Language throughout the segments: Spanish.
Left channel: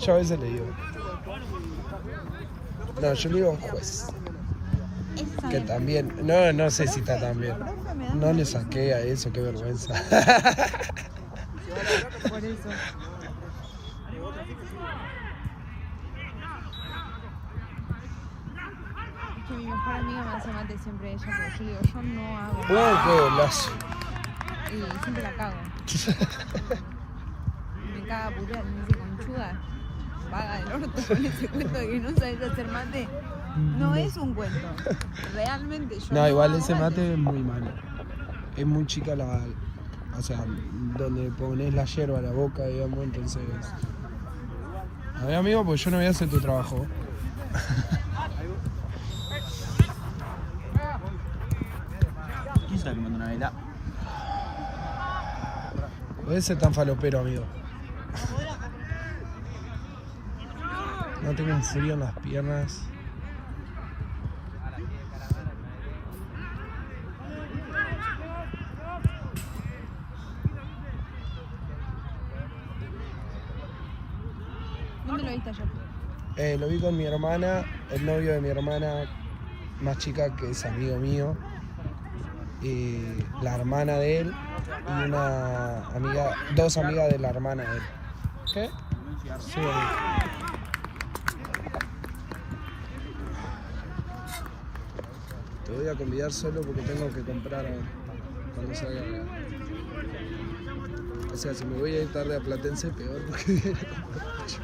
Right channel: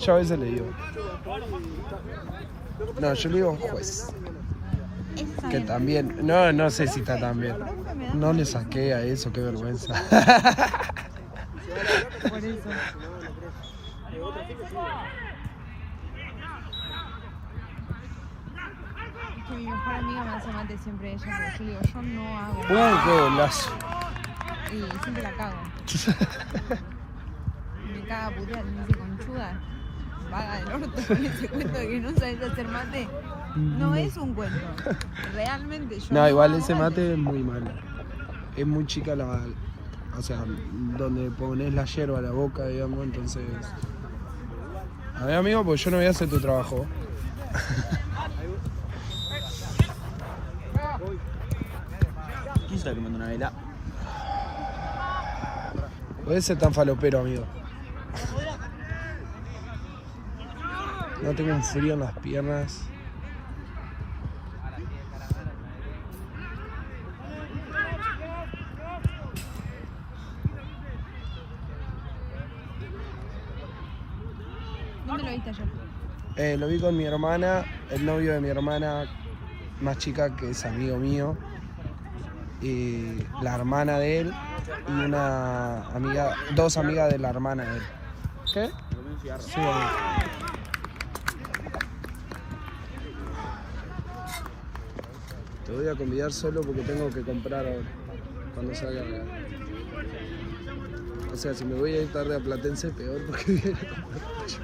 Yo a veces le digo. No, yo le digo a un juez. Que también. No, no sé si está tan bien. No le saqué a eso, qué vergüenza. Mi mejor amigo me hace mate siempre ella, pero yo digo, yo no hago. Qué golazo. Y siempre la cago. Me caga puré, me dice conchuda. Vaga del orto con ese cuento de que no sabes hacer mate. No es un cuento. Realmente yo. No, igual ese hago mate es muy malo. Es muy chica la. O sea, donde pones la yerba a la boca, digamos, entonces. A ver, amigo, pues yo no voy a hacer tu trabajo. ¿Quién está comiendo una vela? Puede ser tan falopero, amigo. No tengo un frío en las piernas. ¿Dónde lo viste ayer? Lo vi con mi hermana, el novio de mi hermana más chica, que es amigo mío, y la hermana de él y una amiga, dos amigas de la hermana de él. ¿Qué? Sí, amigo. Te voy a convidar solo porque tengo que comprar ahora, cuando salga acá. O sea, si me voy a ir tarde a Platense, peor porque viene a comprar yo.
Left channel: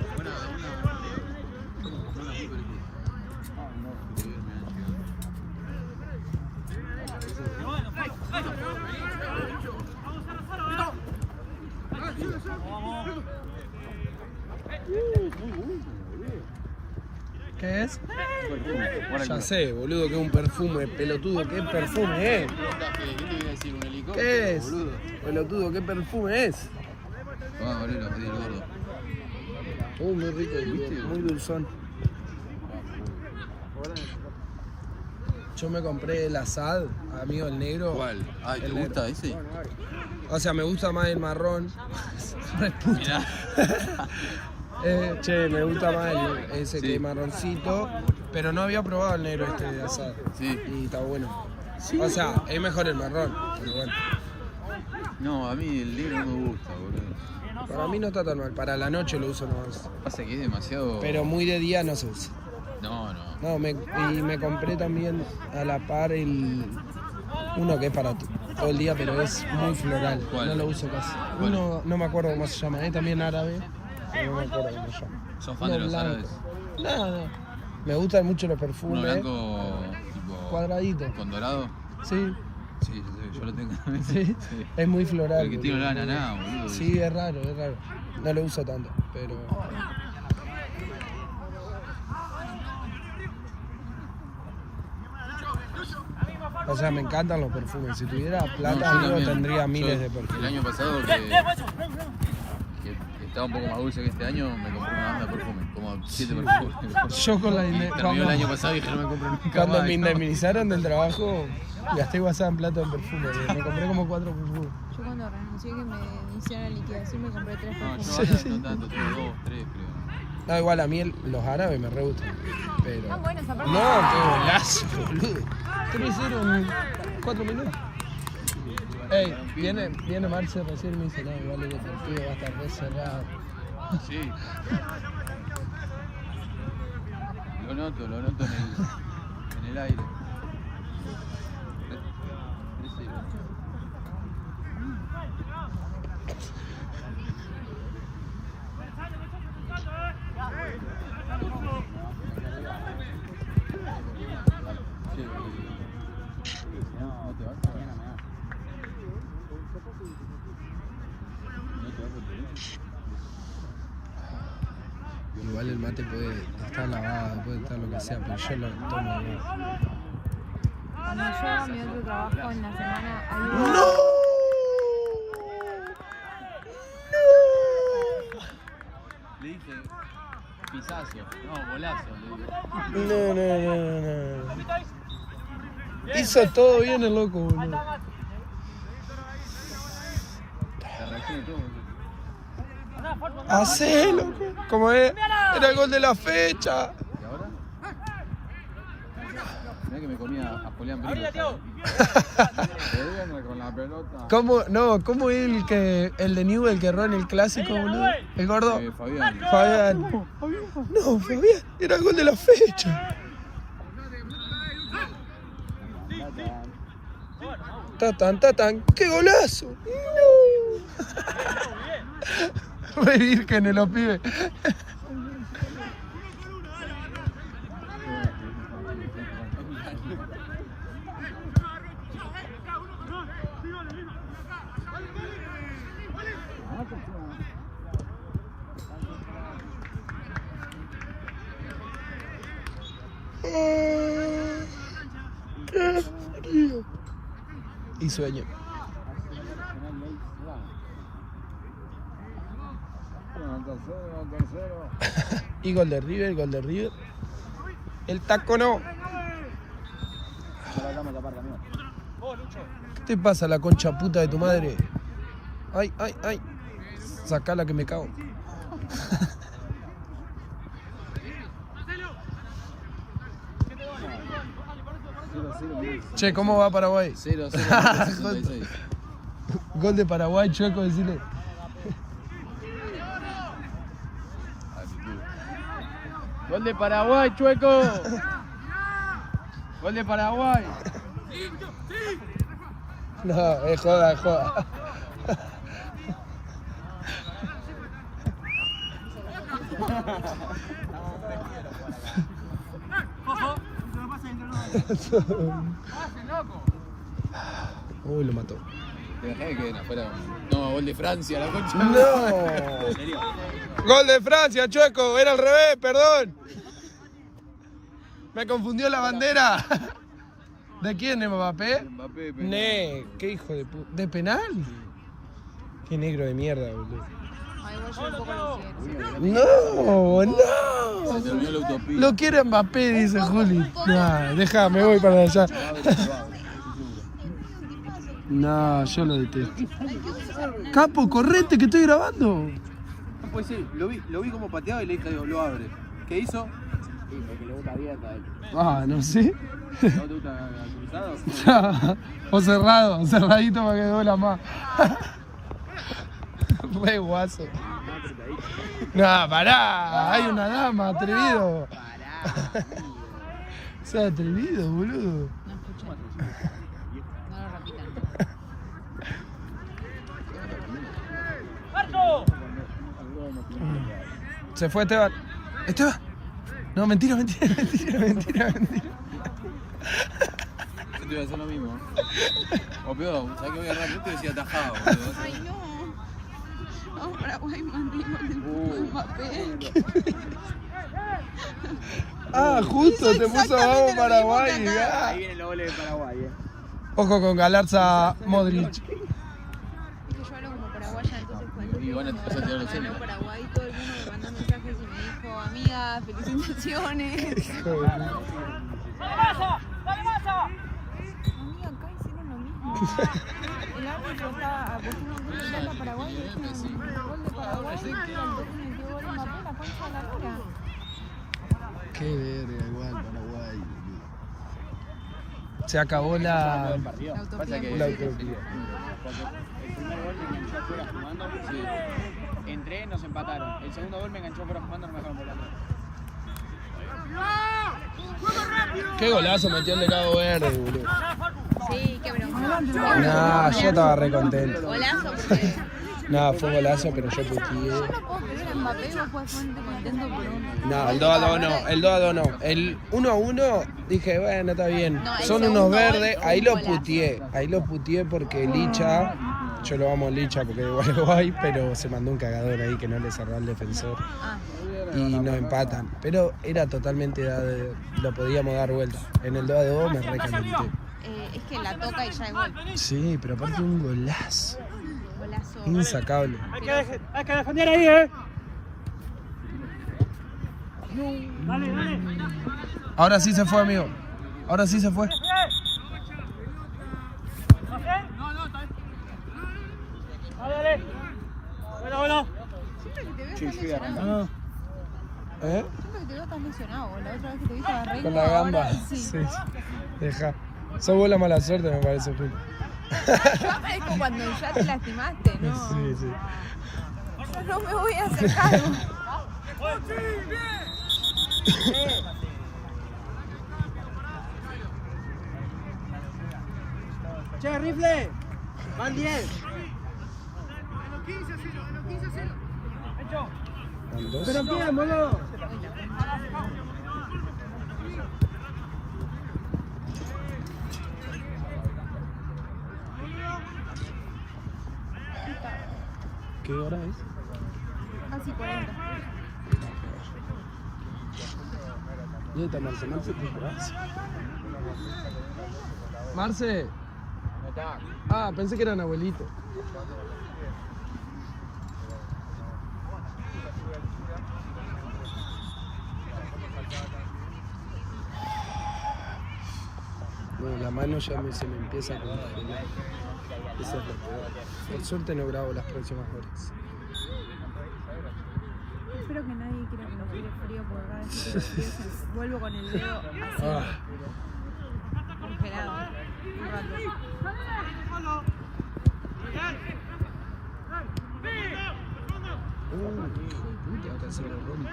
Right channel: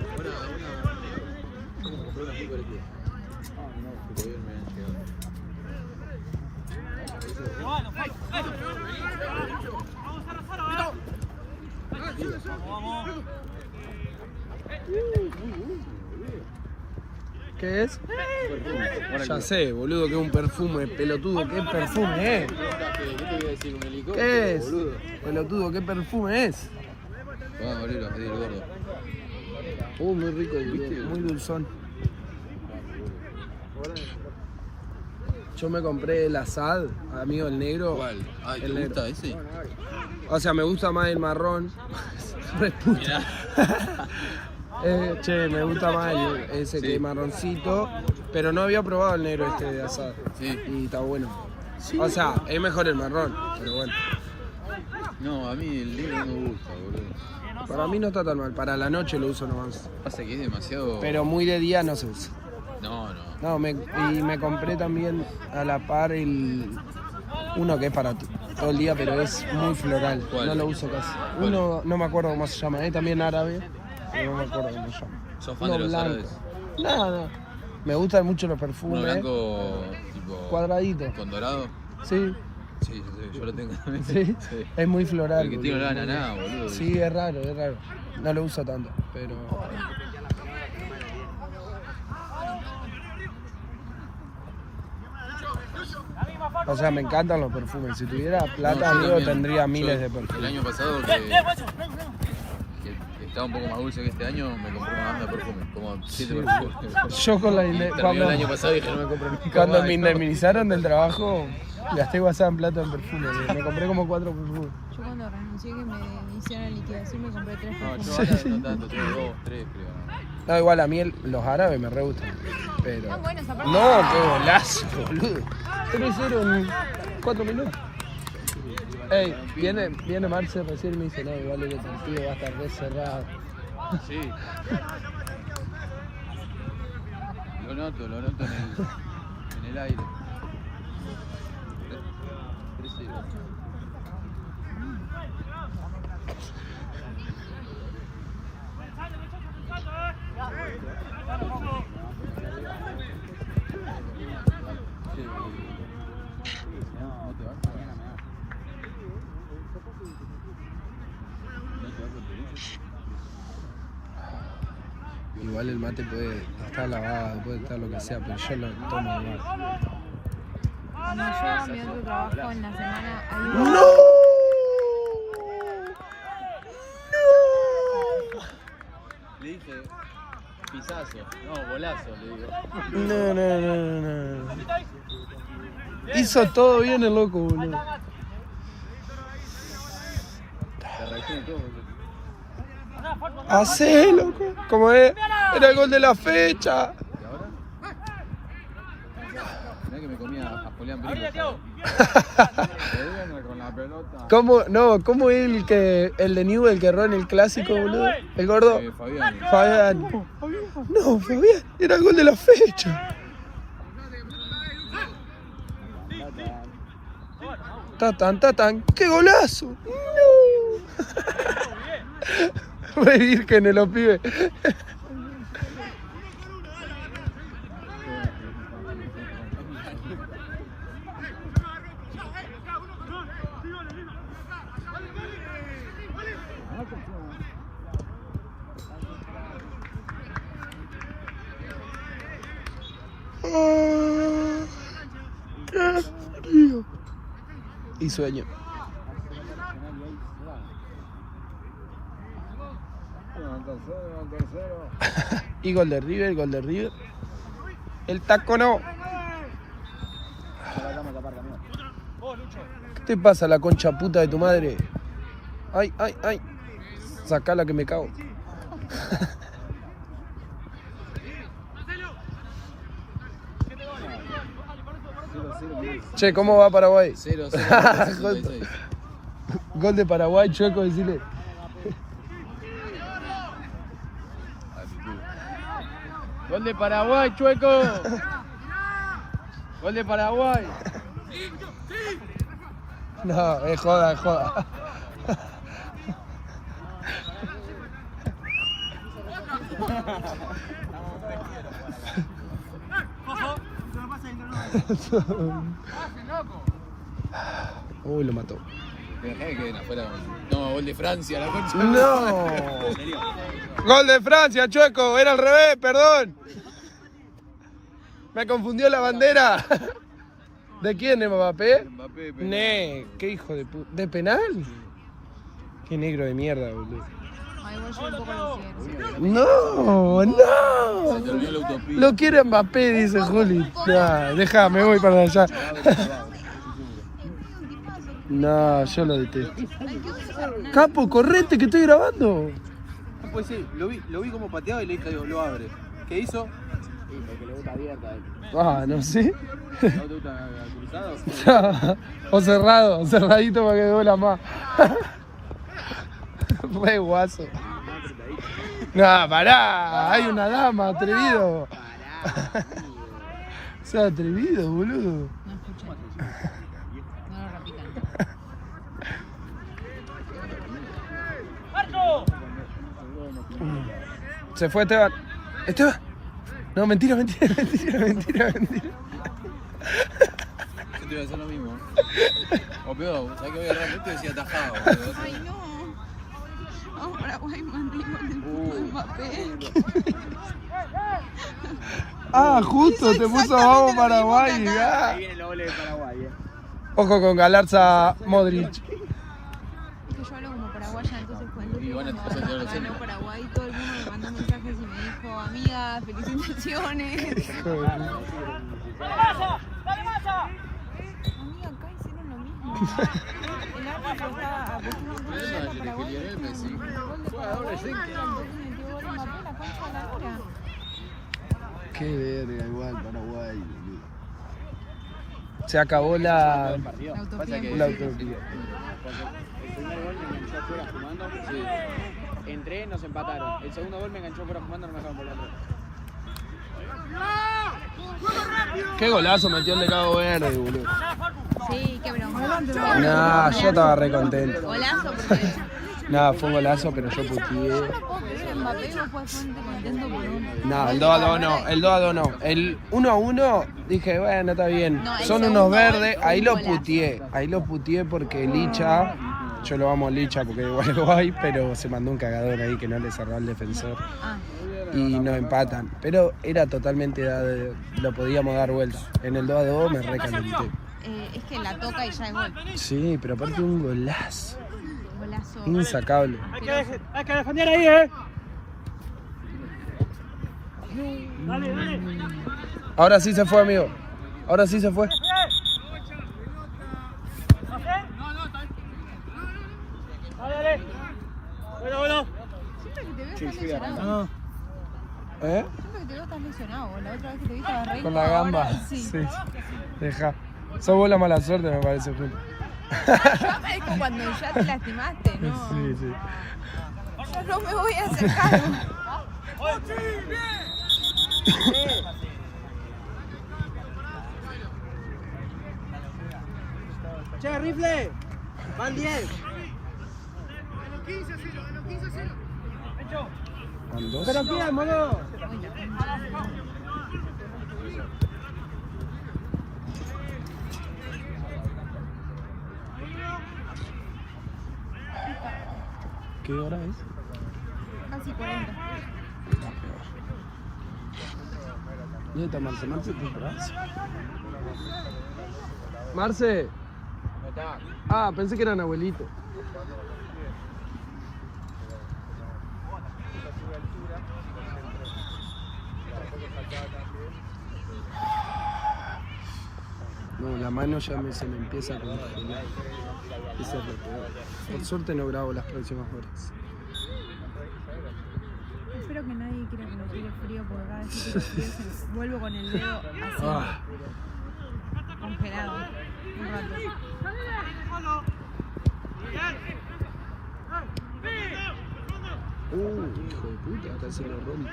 ¿Qué es? Ya sé, boludo, que es un perfume, pelotudo, ¿qué perfume es? ¿Qué es? Pelotudo, ¿qué perfume es? Vamos a abrir los pedidos gordos. Muy rico, boludo, muy dulzón. Yo me compré el Assad, amigo, el negro. ¿Cuál? Ah, ¿te El negro. gusta ese? O sea, me gusta más el marrón. Re puto. Che, me gusta más ese Sí. que es marroncito. Pero no había probado el negro este de Assad. Sí. Y está bueno. O sea, es mejor el marrón, pero bueno. No, a mí el negro no me gusta, boludo. Para mí no está tan mal, para la noche lo uso nomás. Ese que es demasiado... Pero muy de día no se usa. No. No, y me compré también a la par uno que es para todo el día, pero es muy floral. No lo uso casi. Uno, no me acuerdo cómo se llama, es también árabe, pero no me acuerdo cómo se llama. ¿Sos fan No, de los blanco. árabes? No. Me gustan mucho los ¿Un perfumes. blanco tipo... Cuadradito. con dorado? Sí, Sí, yo lo tengo. sí. Es muy floral. El que tiene boludo. olor a nada, boludo. Sí, es raro, es raro. No lo uso tanto, pero... O sea, me encantan los perfumes. Si tuviera plata, amigo, tendría miles de El perfumes. año pasado que estaba un poco más dulce que este año, me compré una banda de perfume, como 7 perfumes. Yo con la Terminó el año pasado y dije, no me compré nunca cuando más. me indemnizaron del trabajo, gasté WhatsApp en plata en perfume. Me compré como 4 perfumes. Yo cuando renuncié que me hicieron liquidación me compré 3 No, perfumes. no tanto, tengo 2, 3, creo. No, igual a mí los árabes me re gustan. Pero... No, bueno, esa parte. No, qué golazo, boludo. ¿Qué me hicieron 4 minutos? Ey, viene Marce recién y me dice, no, igual lo que te digo va a estar re cerrado. Sí. Lo noto en el aire. 3-0. Igual el mate puede estar lavado, puede estar lo que sea, pero yo lo tomo igual. Cuando yo mi otro trabajo en la semana había... ¡No! Le dije pisazo, no, bolazo, le digo. No. Hizo todo bien el loco, boludo. Hacé, loco. ¿Cómo es? Era el gol de la fecha. Mirá que me comía Julián Brico. Con la pelota. ¿Cómo es el de Newell que erró en el clásico, boludo? El gordo. Fabián. No, Fabián, era el gol de la fecha. Tatán, ¡qué golazo! ¡No! Re virgen los pibes. ¡Qué frío! Y sueño. Y gol de River. El taco no. ¿Qué te pasa, la concha puta de tu madre? Ay. Sacala que me cago. Che, ¿cómo va Paraguay? 0-0. Gol de Paraguay, Chueco, decirle. Gol de Paraguay, Chueco. Gol de Paraguay. No, es joda. Uy, lo mató. No, gol de Francia, la concha. ¡No! ¡Gol de Francia, Chueco! Era al revés, perdón. Me confundió la bandera. ¿De quién es Mbappé? Mbappé, Ne, qué hijo de puta. ¿De penal? Qué negro de mierda, boludo. No. Se te olvidó la utopía. Lo quiere Mbappé, dice Juli. No, deja, me voy para allá. No, yo lo detesto. Capo, correte que estoy grabando. Pues sí, lo vi como pateado y le dije, lo abre. ¿Qué hizo? El que le gusta abierta. Ah, no sé. ¿No te gusta cruzado? O cerradito para que duela más. Re guaso. No, pará, hay una dama, atrevido. Sea atrevido, boludo. No escuché. No lo repita. Se fue Esteban. ¿Esteban? No, mentira. Yo te iba a hacer lo mismo. O peor, ¿sabes qué voy a agarrar? Te decía atajado. Ay, no. Paraguay mandó. Ah, justo, te puso vamos Paraguay. Ah. Ahí viene el gol de Paraguay. Ojo con Galarza Modric. Yo hablo como paraguaya, entonces cuando Y bueno, te vas a tener los centros. Paraguay, todo el mundo me mandó mensajes y me dijo, amiga, felicitaciones. Amiga, todos hicieron lo mismo. Además, yo le quería ver Messi. Qué verga, igual Paraguay. Se acabó la utopía. Entré, nos empataron. El segundo gol me enganchó para jugando, no me acaban volando. Qué golazo metió el de Cabo Verde, boludo. Sí, qué broma. Nah, yo estaba re contento. Golazo porque... Nada, fue un golazo, pero yo puteé. No, el 2-2 no, el 2-2 no. El 1-1 dije, bueno, está bien. Son unos verdes, ahí lo puteé porque Licha, yo lo amo a Licha porque es Uruguay, pero se mandó un cagador ahí que no le cerró al defensor. Y nos empatan, pero era totalmente, lo podíamos dar vuelta. En el 2-2 me recalenté. es que la toca y ya es gol. Sí, pero aparte un golazo. Golazo. Insacable. Hay que defender ahí, Ahora sí se fue, amigo. Ahora sí se fue. fui acá. No. ¿Eh? Creo que quedó tan emocionado, la otra vez que te vi estaba re Con la enojado. gamba. Sí. Sí. Deja. Sos vos la mala suerte, me parece, Julio. Es como cuando ya te lastimaste, ¿no? Sí, sí. Yo no me voy a acercar. Che, rifle. Van 10. Van dos. ¿Pero quién, mono? ¿Qué hora es? Casi 40. ¿Dónde está Marce? Marce, Marce. Ah, pensé que eran abuelitos. No, la mano ya se me empieza a congelar. Esa es la peor. Por suerte no grabo las próximas horas. Espero que nadie quiera que me tire frío, pero cada vez que tiro frío vuelvo con el dedo así, Ah, congelado. Me encanta. hijo de puta, casi lo rompe.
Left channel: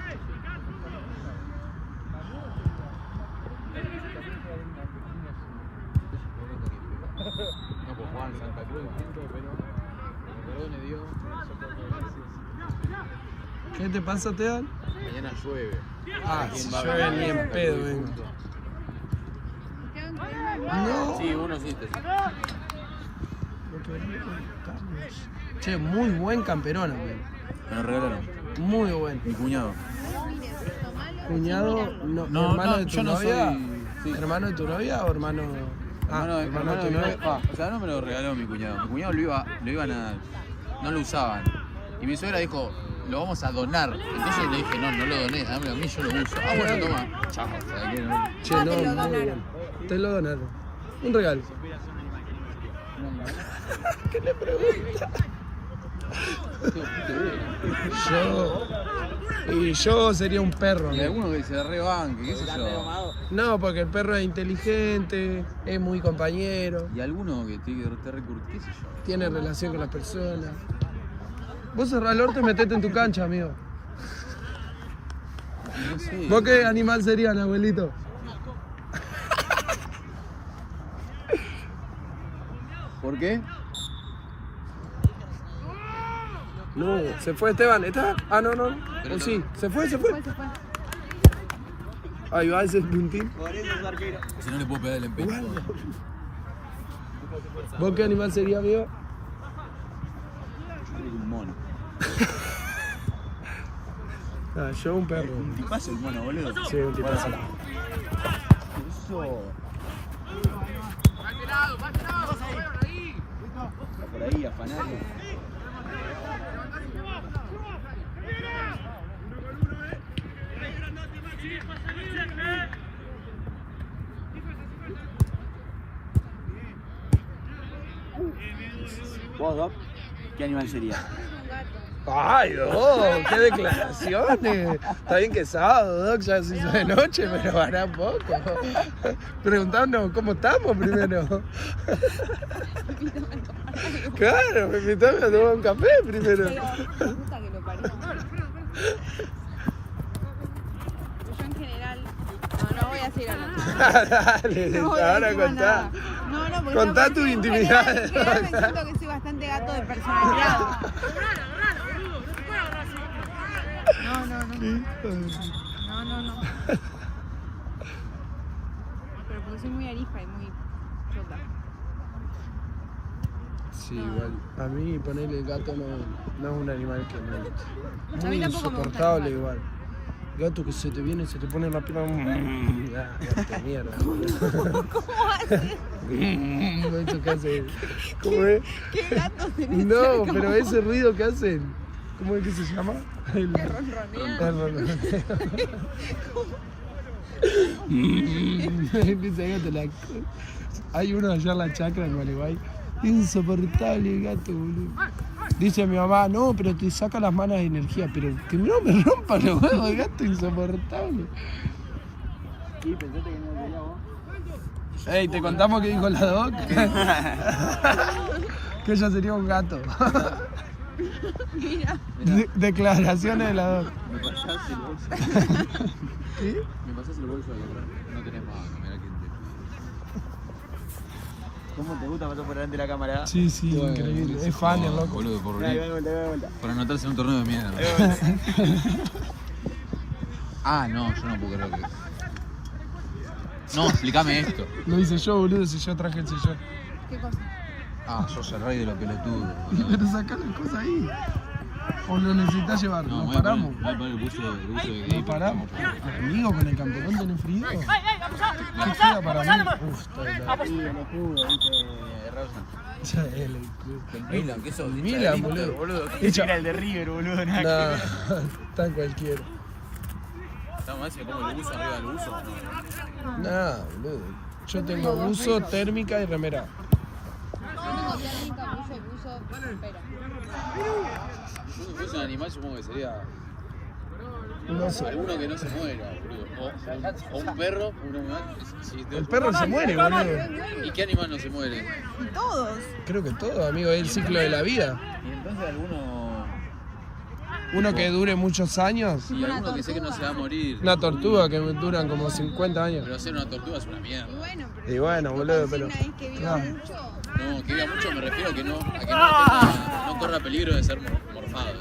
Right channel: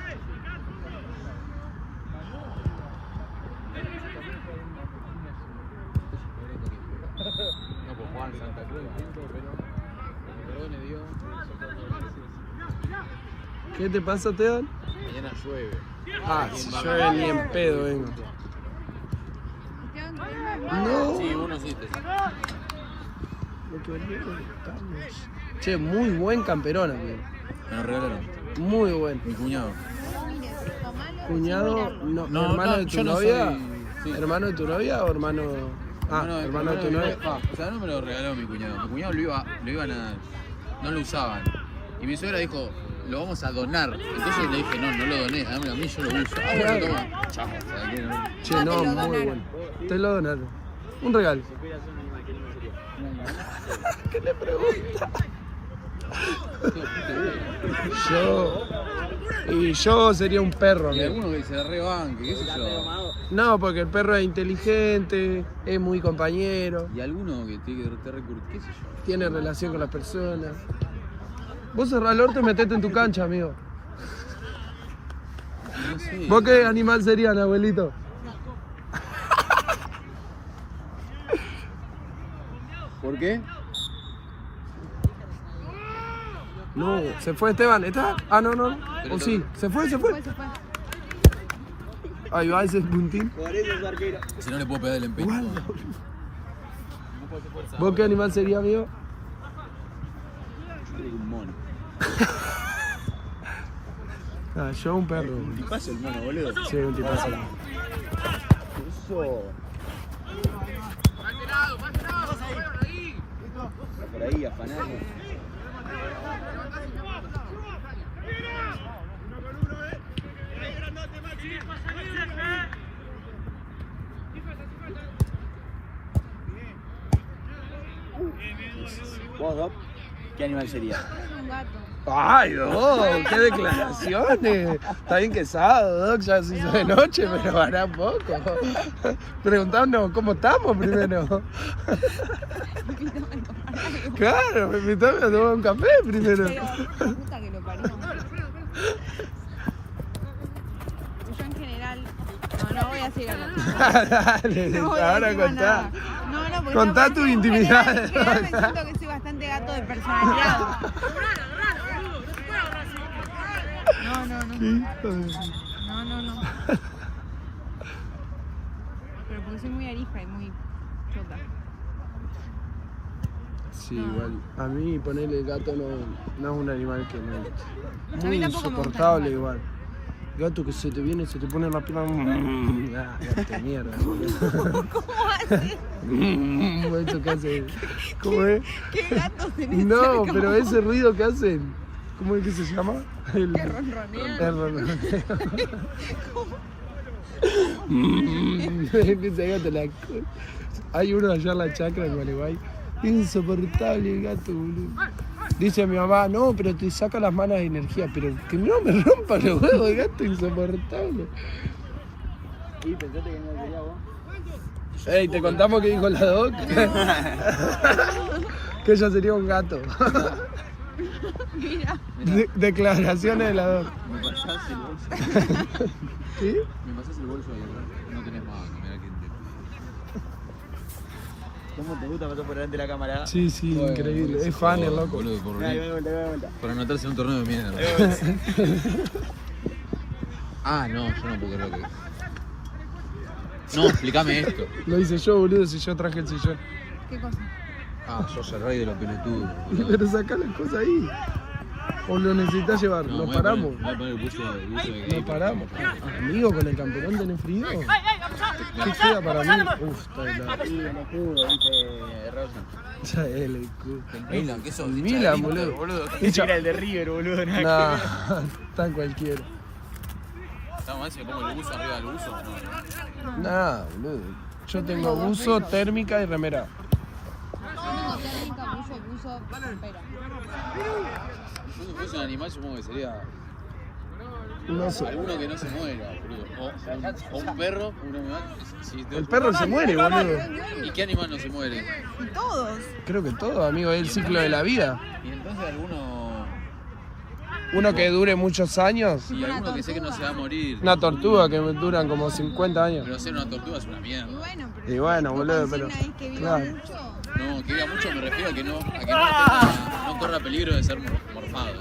¿Qué te pasa, Teodor? Mañana llueve. Ah, si llueve ni en pedo vengo. No. Sí, uno sí. Che, muy buen camperón, amigo. Me lo regalaron. Muy buen. Mi cuñado. Cuñado, no, No, hermano no, de tu yo no novia. soy- sí. ¿Hermano de tu novia o hermano? Ah, hermano de tu novia. O sea, no me lo regaló mi cuñado. Mi cuñado lo iba a nadar. No lo usaba. Y mi suegra dijo, lo vamos a donar. Entonces le dije, no lo doné, dámelo a mí, yo lo uso. Ah, bueno, Claro. toma. Chao. Che, no, muy bueno. Te lo donaron. Un regalo. ¿Qué le pregunta? Yo sería un perro, Y amigo. alguno que se rebanque, qué sé yo. No, porque el perro es inteligente, es muy compañero, Y alguno que tiene que estar recurriendo, qué sé yo. tiene relación con las personas. Vos cerrás el orto y metete en tu cancha, amigo. No sé. ¿Vos qué animal serían, abuelito? ¿Por qué? No, se fue Esteban. ¿Esteban? Ah, no, no. ¿O sí? ¿Se fue? ¿Se fue? Se fue. Ahí va ese puntín. Si no le puedo pegar el empeño. Guarda. ¿Vos qué animal sería, amigo? Un mono. Ah, yo un perro. ¿Qué pasa el mono, boludo? Sí, un tipazo. Eso. Por ahí, afanando. ¿Vos, Doc? ¿Qué animal sería? Un gato. Ay, Doc, qué declaraciones. Está bien que es sábado, Doc, ya se hizo de noche, pero hará poco. Preguntándonos cómo estamos primero. Claro, me invitaron a tomar un café primero. Puta que lo parió. Yo en general, no voy a seguir hablando. Dale, No voy a ahora decir contá. nada. No, porque Contá yo tus en intimidades. general me siento que soy bastante gato de personalidad. No, no, no. Hijo de- No. Pero porque soy muy arija y muy chota. Sí, igual. A mí ponerle el gato no es un animal que me guste. Muy insoportable igual. Gato que se te viene, se te pone en la pierna. Ah, gato de mierda. Eso que hace. ¿Cómo es? ¿Qué gato tenés? No, pero ese ruido que hacen. ¿Cómo es que se llama? El ronroneo. Empieza el gato la Hay uno de hacer la chacra en Gualeguay. Insoportable el gato, boludo. Dice mi mamá, no, pero te saca las malas energías, pero que no me rompa los huevos de gato, insoportable. ¿Y por qué te venía a pelear vos? Ey, te contamos que dijo la doc. Que ella sería un gato. Declaraciones de la doc. Me pasás el bolso. ¿Qué? Me pasás el bolso de no tenés más. ¿Cómo te gusta pasar por delante de la cámara? Sí, sí, increíble. Es fan el loco. Boludo, por Dale, dale, dale, dale. por anotarse en un torneo de mierda. Ah, no, yo no puedo creer que... No, explícame esto. Lo hice yo, boludo, si yo traje el sillón. ¿Qué cosa? Ah, yo soy rey de los pelotudos. Pero sacá las cosas ahí. O lo necesitas llevar, No, nos voy a paramos. poner- Voy a poner el buzo de Nos paramos. Amigo, con el camperón tenés frío. ¿Qué queda para mí? Uf, está helado. Sí, no pudo, Ya es el culo. Milan, ¿qué sos? El Milan, boludo. Hincha- Era el de River, boludo. Nah, está en cualquiera. Estamos ahí, se pongo el buzo arriba del buzo. Nah, boludo. Yo tengo buzo, térmica y remera. Yo tengo técnica, buzo, campera. Si fuese un animal, supongo que sería No sé. alguno que no se muera, boludo. O un perro, un animal. El perro se muere, boludo. ¿Y qué animal no se muere? Y todos. Creo que todo, amigo, es el ciclo de la vida. Entonces alguno... Uno que dure muchos años. Y alguno que sé que no se va a morir. Una tortuga que duran como 50 años. Pero ser una tortuga es una mierda. Bueno, pero Y bueno, boludo, pero... consigna es que viva Claro. mucho. No, que diga mucho me refiero a que no corra peligro de ser morfada.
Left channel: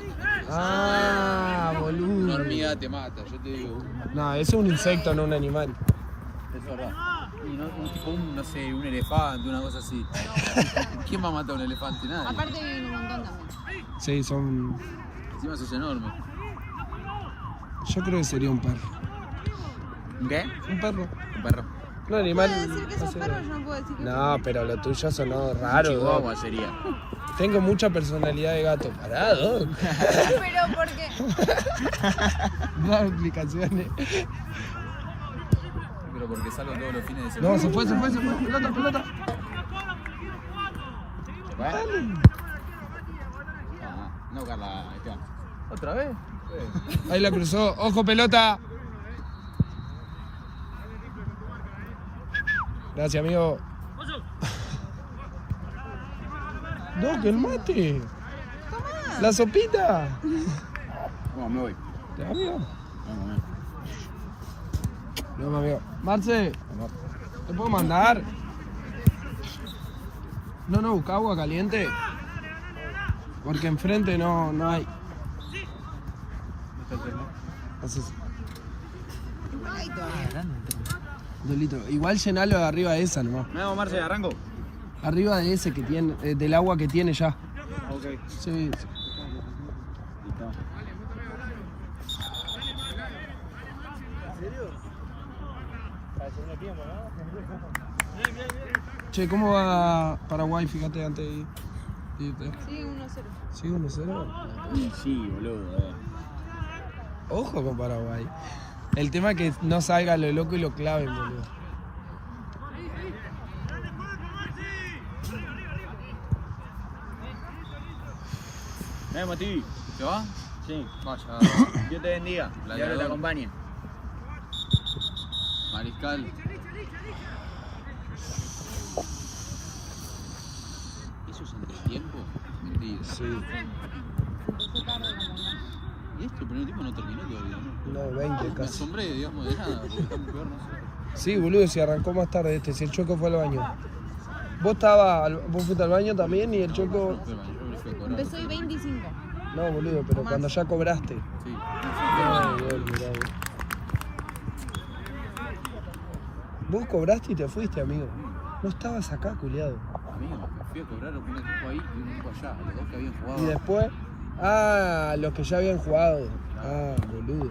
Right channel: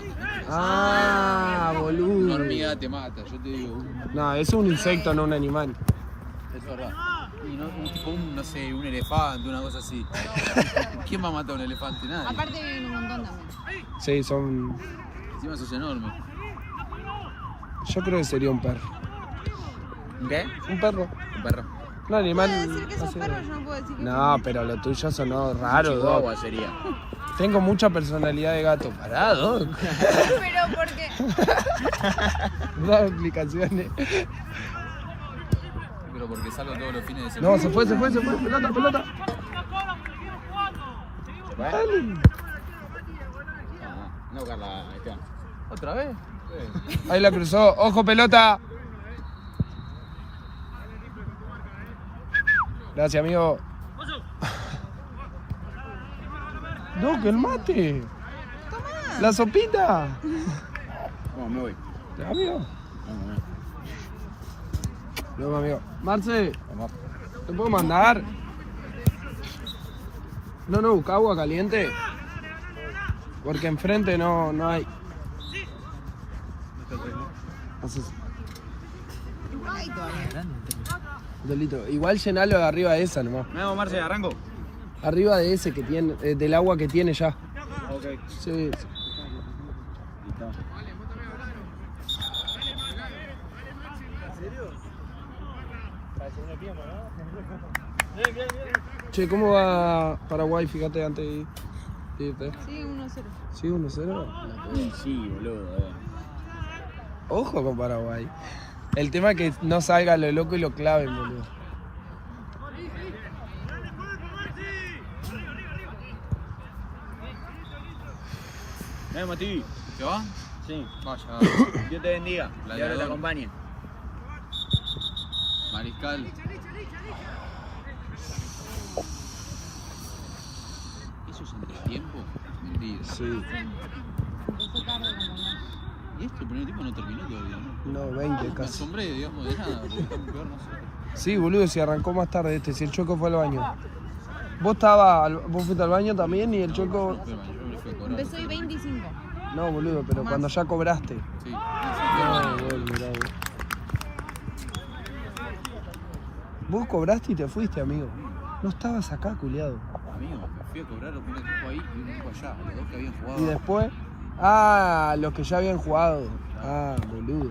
Ah, Una boludo. hormiga te mata, yo te digo. No, eso es un insecto, no un animal. Es verdad. Y no, tipo no sé, un elefante, una cosa así. ¿Quién va a matar a un elefante? Nadie. Aparte viven un montón de más. Sí, son... Encima sos enorme. Yo creo que sería un perro. ¿Qué? Un perro. Un perro. Un animal... Puedo decir que no esos sé. perros no puedo decir que No, pero lo tuyo sonó raro, Chihuahua Doc. sería. Tengo mucha personalidad de gato. Pará, Doc. Pero porque No explicaciones. Pero porque salgo todos los fines de semana. No, se fue. Pelota. ¿Va? No, Carla, ahí está. ¿Otra vez? Ahí la cruzó. Ojo, pelota. Gracias, amigo. Doc, el mate. La sopita. Vamos, muy. Amigo. Luego, amigo. Marce, ¿te puedo mandar? No, busca agua caliente. Porque enfrente no hay. Así. Delito. Igual llenalo de arriba de esa nomás. No, Marce, arranco. Arriba de ese que tiene, del agua que tiene ya. Ok. Sí. Listo. Che, ¿cómo va Paraguay? Fíjate antes de ir. sí, 1-0. ¿Sí, 1-0? Sí, boludo. Ojo con Paraguay. El tema es que no salga lo loco y lo claven, boludo. Mira, Mati. ¿Se va? Sí. Vaya, Dios te bendiga. Y ahora te acompañe. Mariscal. ¿Eso es entretiempo? Mentira. Sí. ¿Y esto? Pero el tiempo no terminó todavía, ¿no? No, 20 Me casi. asombré, digamos, de nada, porque estamos peor nosotros. Sí, boludo, si arrancó más tarde este, si el Choco fue al baño. Vos fuiste al baño también y el Choco... Pero yo me fui a cobrar. Empezó el 25. No, boludo, pero cuando ya cobraste. Sí. No, boludo, mirá, boludo. Vos cobraste y te fuiste, amigo. No estabas acá, culiado. Amigo, me fui a cobrar, un equipo ahí y un equipo allá. Los dos que habían jugado. Y después... Ah, los que ya habían jugado. Ah, boludo.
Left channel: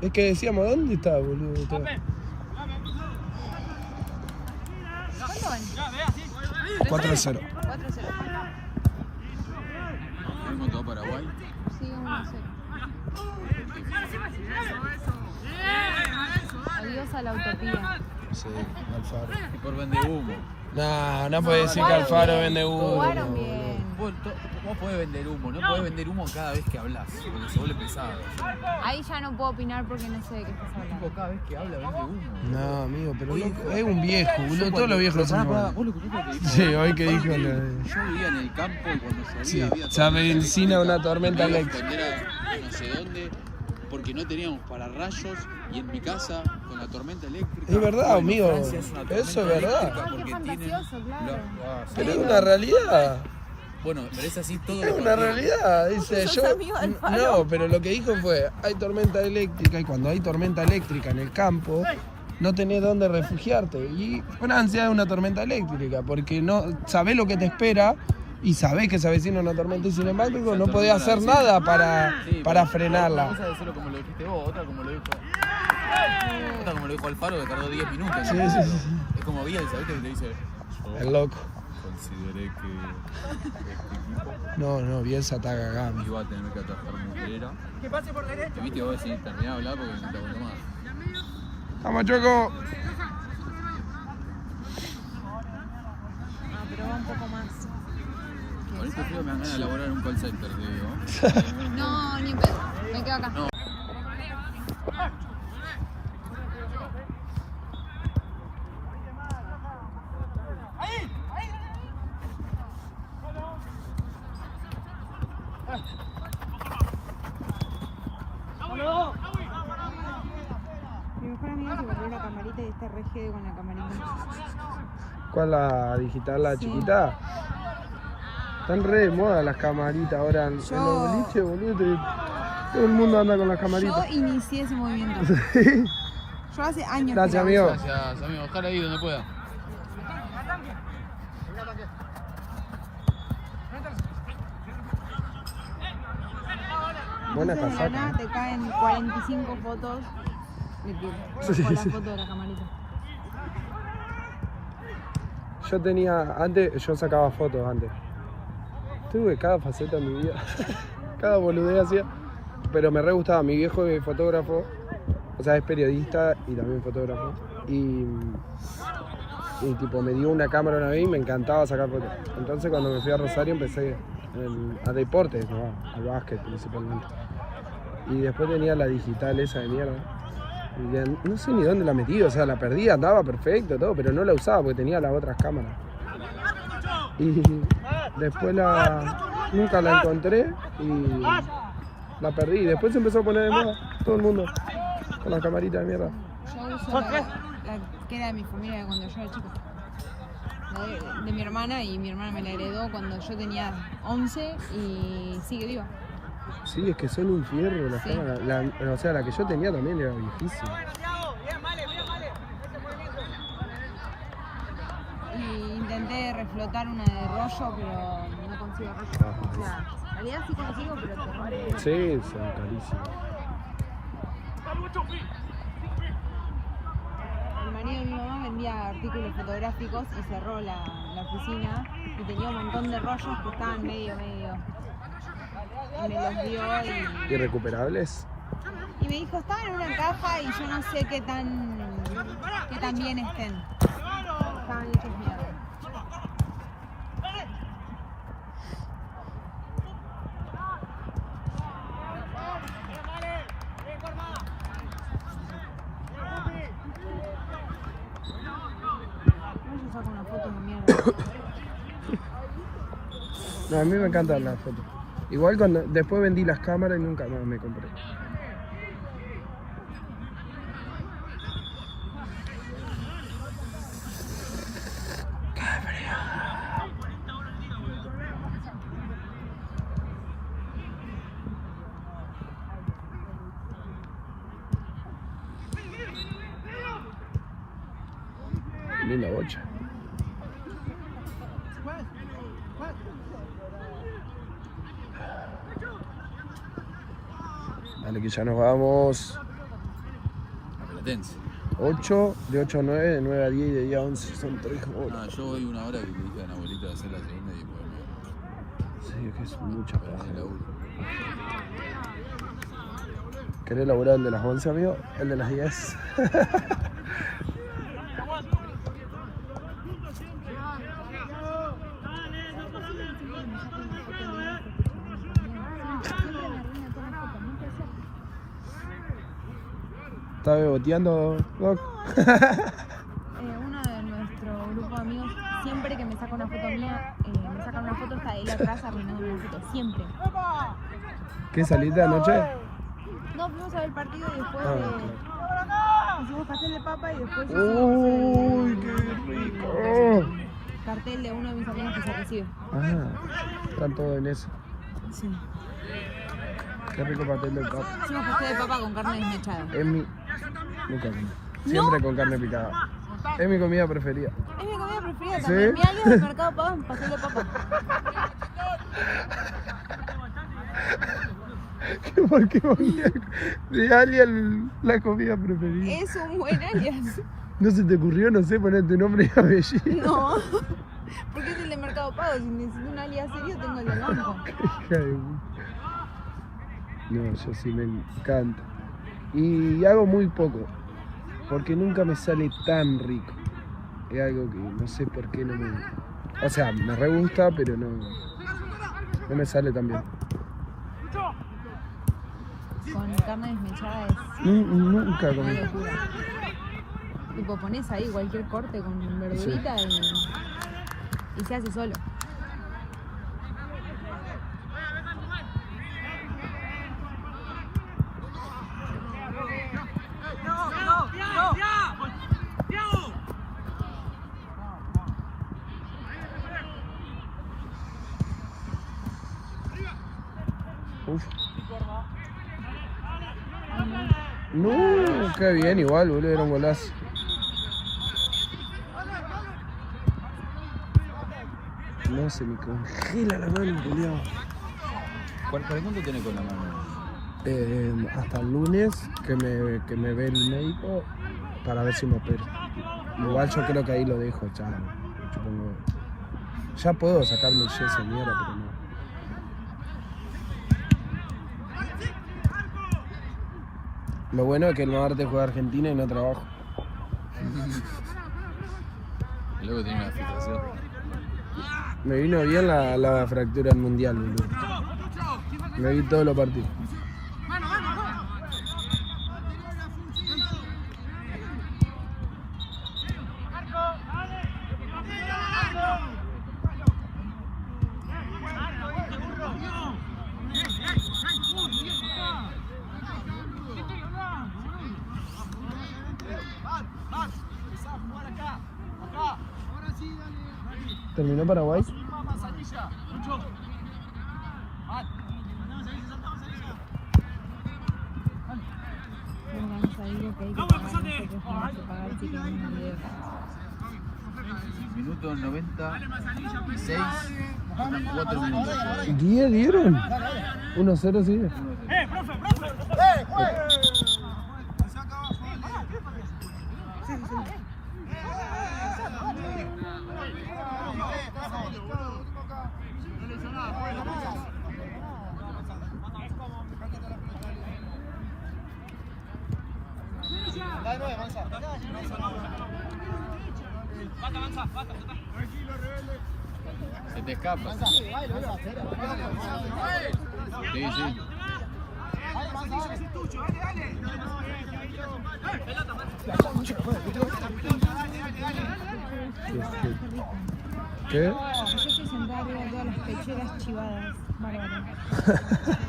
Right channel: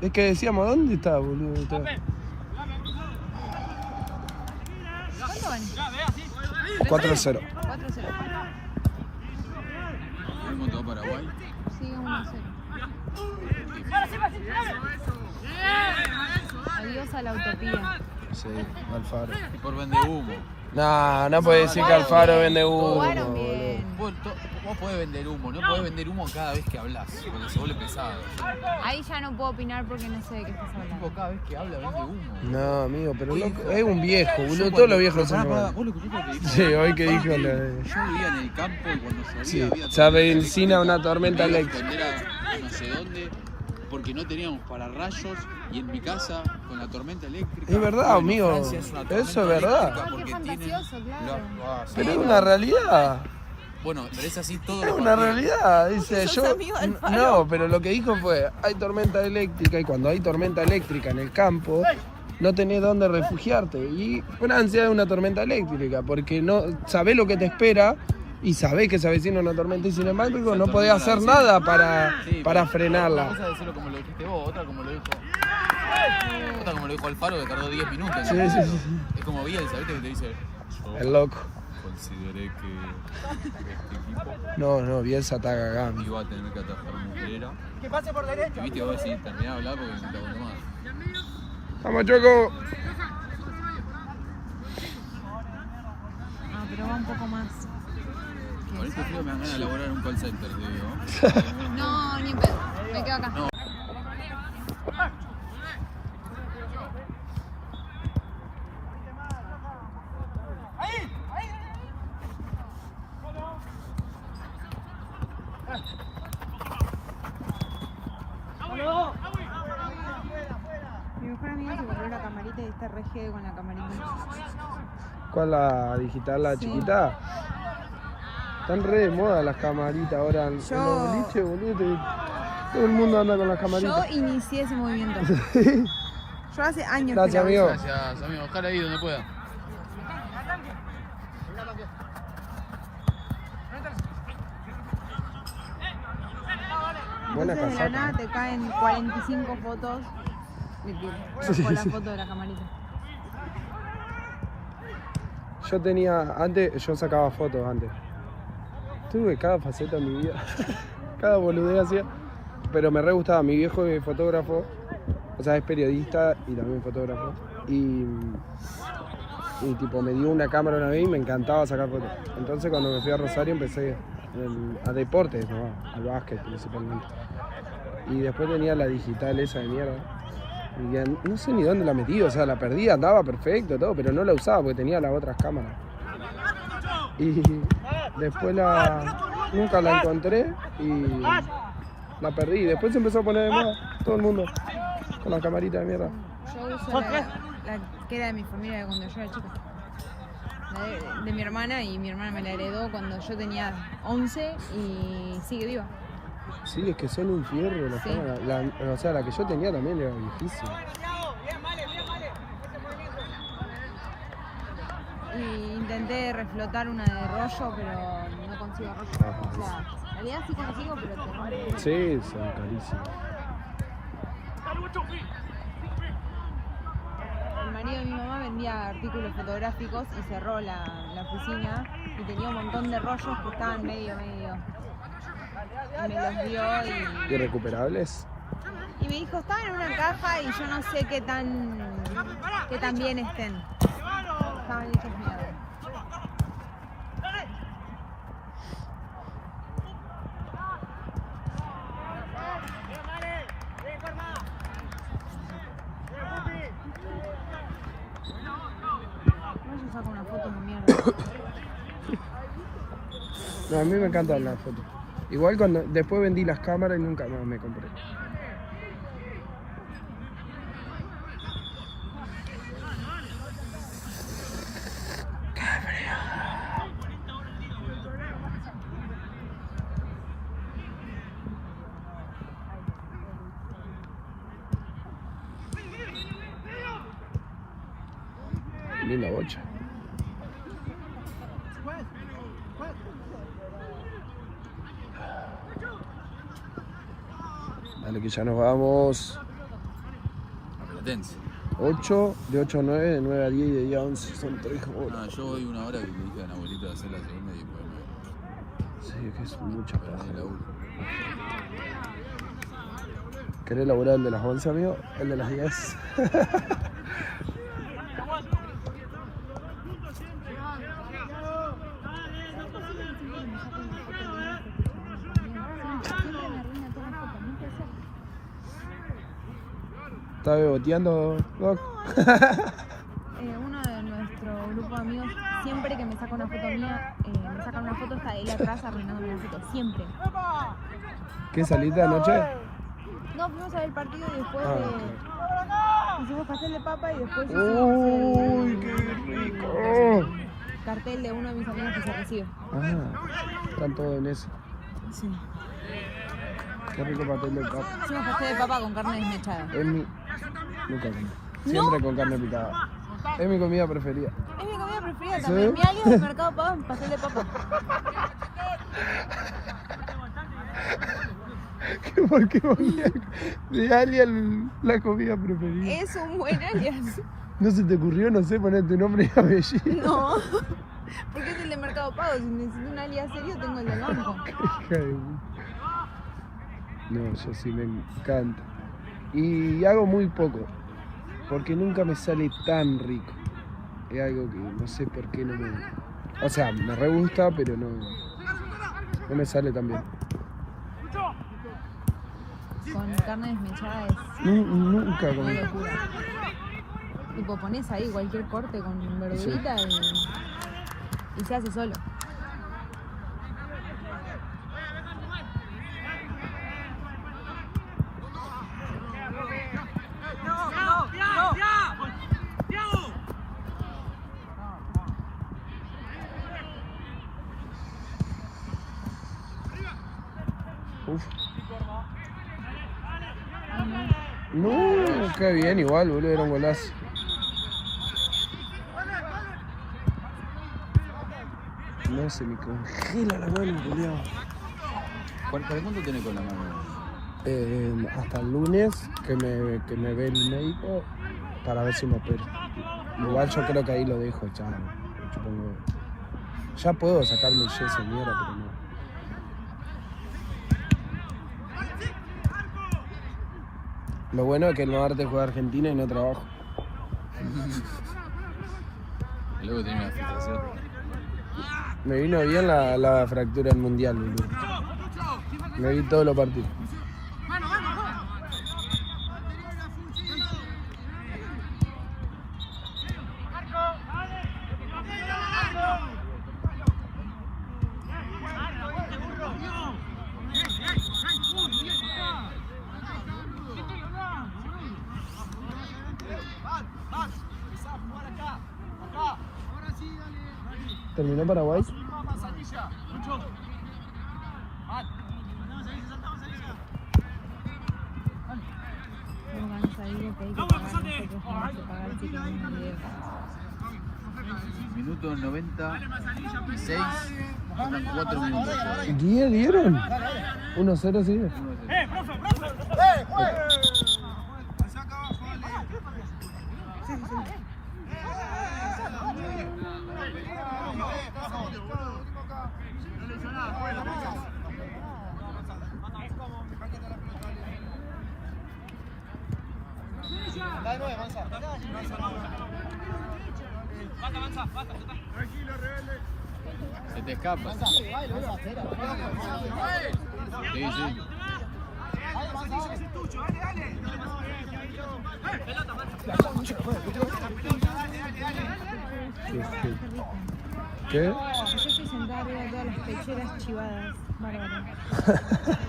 Es que decíamos, ¿dónde está, boludo? Está. 4-0. 4-0. ¿Cómo te va Paraguay? Sí, 1-0. Adiós a la utopía. Sí, Alfaro. Y por vende humo. No, no puedes decir que Alfaro vende humo, Fueron boludo. bien. Vos podés vender humo, no podés vender humo cada vez que hablas, porque se vuelve pesado. Ahí ya no puedo opinar porque no sé de qué estás El tipo hablando. cada vez que habla vende humo. No, amigo, pero no, es un viejo, boludo. Todos los viejos son iguales. ¿Vos lo escuchaste lo que dijo? Sí, hoy que dijo Yo vivía en el campo y cuando llovía Sí, había se avecina una tormenta Tenía que eléctrica. atender a no sé dónde, porque no teníamos pararrayos y en mi casa con la tormenta eléctrica. Es verdad, en amigo. Francia es una tormenta Eso es verdad. eléctrica porque tienen sí, Pero es una realidad. Bueno, pero es así todo Es lo una realidad. Dice, ¿Sos yo. amigo del Faro? No, pero lo que dijo fue: hay tormenta eléctrica y cuando hay tormenta eléctrica en el campo, no tenés dónde refugiarte. Y Francia es una tormenta eléctrica porque no sabés lo que te espera y sabés que se avecina una tormenta y sin embargo no podés hacer nada para frenarla. Una cosa es decirlo como lo dijiste vos, otra como lo dijo Alfaro que tardó 10 minutos. Sí, sí, sí. Es como Bielsa, ¿viste? Que te dice, El loco. consideré que este equipo No, Bielsa está cagando. iba a tener que atajar Muslera. Que pase por derecha. Viste, vos decís, terminá de hablar porque no te aguanto más. Vamos, Choco. Ah, pero va un poco más. A ver, creo que me van a elaborar un call center. No, ni pedo. Me quedo acá. Mi mejor amiga se volvió la camarita y está regida con la camarita. ¿Cuál la digital, la Sí. chiquita? Están re de moda las camaritas ahora en Yo- los boliches, boludo. Todo el mundo anda con las Yo camaritas. inicié ese movimiento. Yo hace años Gracias, que lo amigo. uso. Gracias, amigo. Ojalá ahí donde pueda. Buena Entonces, de la casaca. nada te caen 45 fotos de que Sí, con la sí. foto de la camarita. Yo tenía, antes, yo sacaba fotos antes. Tuve cada faceta en mi vida. Cada boludez hacía. Pero me re gustaba. Mi viejo es fotógrafo. O sea, es periodista y también fotógrafo. Y tipo, me dio una cámara una vez y me encantaba sacar fotos. Entonces cuando me fui a Rosario empecé a deportes, ¿no? Al básquet principalmente. Y después tenía la digital esa de mierda. Y ya no sé ni dónde la metí, o sea, la perdí, andaba perfecto, todo, pero no la usaba porque tenía las otras cámaras. Y después nunca la encontré y la perdí. Y después se empezó a poner de moda todo el mundo con la camarita de mierda. Yo uso la que era de mi familia cuando yo era chica. De mi hermana, y mi hermana me la heredó cuando yo tenía 11 y sigue viva. Sí, es que son un fierro las Sí. cámaras. O sea, la que yo tenía también era viejísima. Y intenté reflotar una de rollo, pero no consigo rollo. O sea, en realidad sí consigo, pero te rompe. Sí, son carísimas. El marido de mi mamá vendía artículos fotográficos y cerró la oficina y tenía un montón de rollos que estaban medio. Y me los dio ¿Irrecuperables? y me dijo, estaban en una caja y yo no sé qué tan bien estén. Estaban hechos mierda. Ellos sacan fotos de mierda. No, a mí me encantan las fotos. Igual cuando después vendí las cámaras y nunca más me compré. Linda bocha. Dale que ya nos vamos. Platense. 8, de 8 a 9, de 9 a 10 y de 10 a 11. Son 3 No, horas. yo voy una hora que le dije a Anabelita de hacer la segunda y después Sí, es que es mucha me paja. la uno. ¿Querés laburar el de las 11, amigo? El de las 10. ¿Estás beboteando, Doc? Uno de nuestro grupo de amigos, siempre que me saca una foto mía, me saca una foto, está ahí atrás arruinándome una foto, siempre. ¿Qué saliste anoche? No, fuimos a ver el partido y después Claro. hicimos pastel de papa y después ¡Uy, hicimos qué rico! cartel de uno de mis amigos que se recibe. Están todos en eso. Sí. Qué rico pastel de papa. Hicimos pastel de papa con carne desmechada. Es mi... Nunca comí. Siempre con carne picada. Es mi comida preferida. Es mi comida preferida. ¿Sí? También. Mi algo del Mercado Pago es pastel de papa. ¿Por qué comía de alguien la comida preferida? Es un buen alias. ¿No se te ocurrió, no sé, poner tu nombre y apellido? No. Porque es el de Mercado Pago. Si necesito un alias serio, tengo el de banco. Hija de puta. No, yo sí me encanta. Y hago muy poco, porque nunca me sale tan rico. Es algo que no sé por qué no me... O sea, me re gusta, pero no me sale tan bien. Con carne desmechada es Nunca una comí. locura. Tipo, pones ahí cualquier corte con verdurita y se hace solo. Uf. No, qué bien, igual, boludo, era un golazo. No, se me congela la mano, boludo. ¿Para cuánto tenés con la mano? Hasta el lunes que me ve el médico para ver si me opero. Igual yo creo que ahí lo dejo, chaval. Supongo. Ya puedo sacarme el yeso de mierda, pero no. Lo bueno es que el martes juega Argentina y no trabajo. Luego tiene una fijación. Me vino bien la fractura del mundial, boludo. Me vi todos los partidos. ¿Terminó Paraguay? Minuto 96. Faltan 4 minutos. 10 dieron. 1-0 sigue. Se te escapa. Sí, sí. ¿Qué? Sentada arriba de todas las pechugas chivadas. Bárbaro.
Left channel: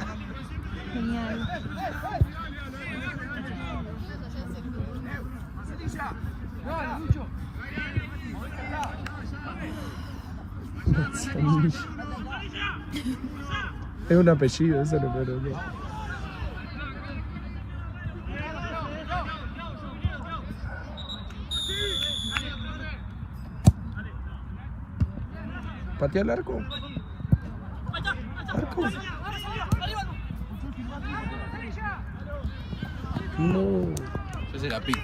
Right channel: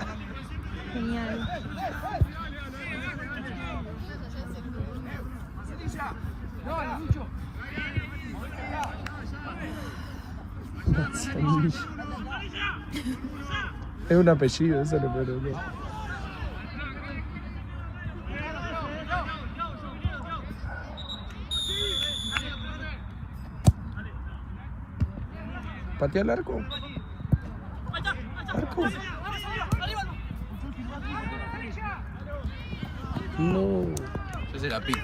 Genial. Es un apellido, eso le puedo decir. ¿Patea el arco? ¿Arco? No, Yo se la pico.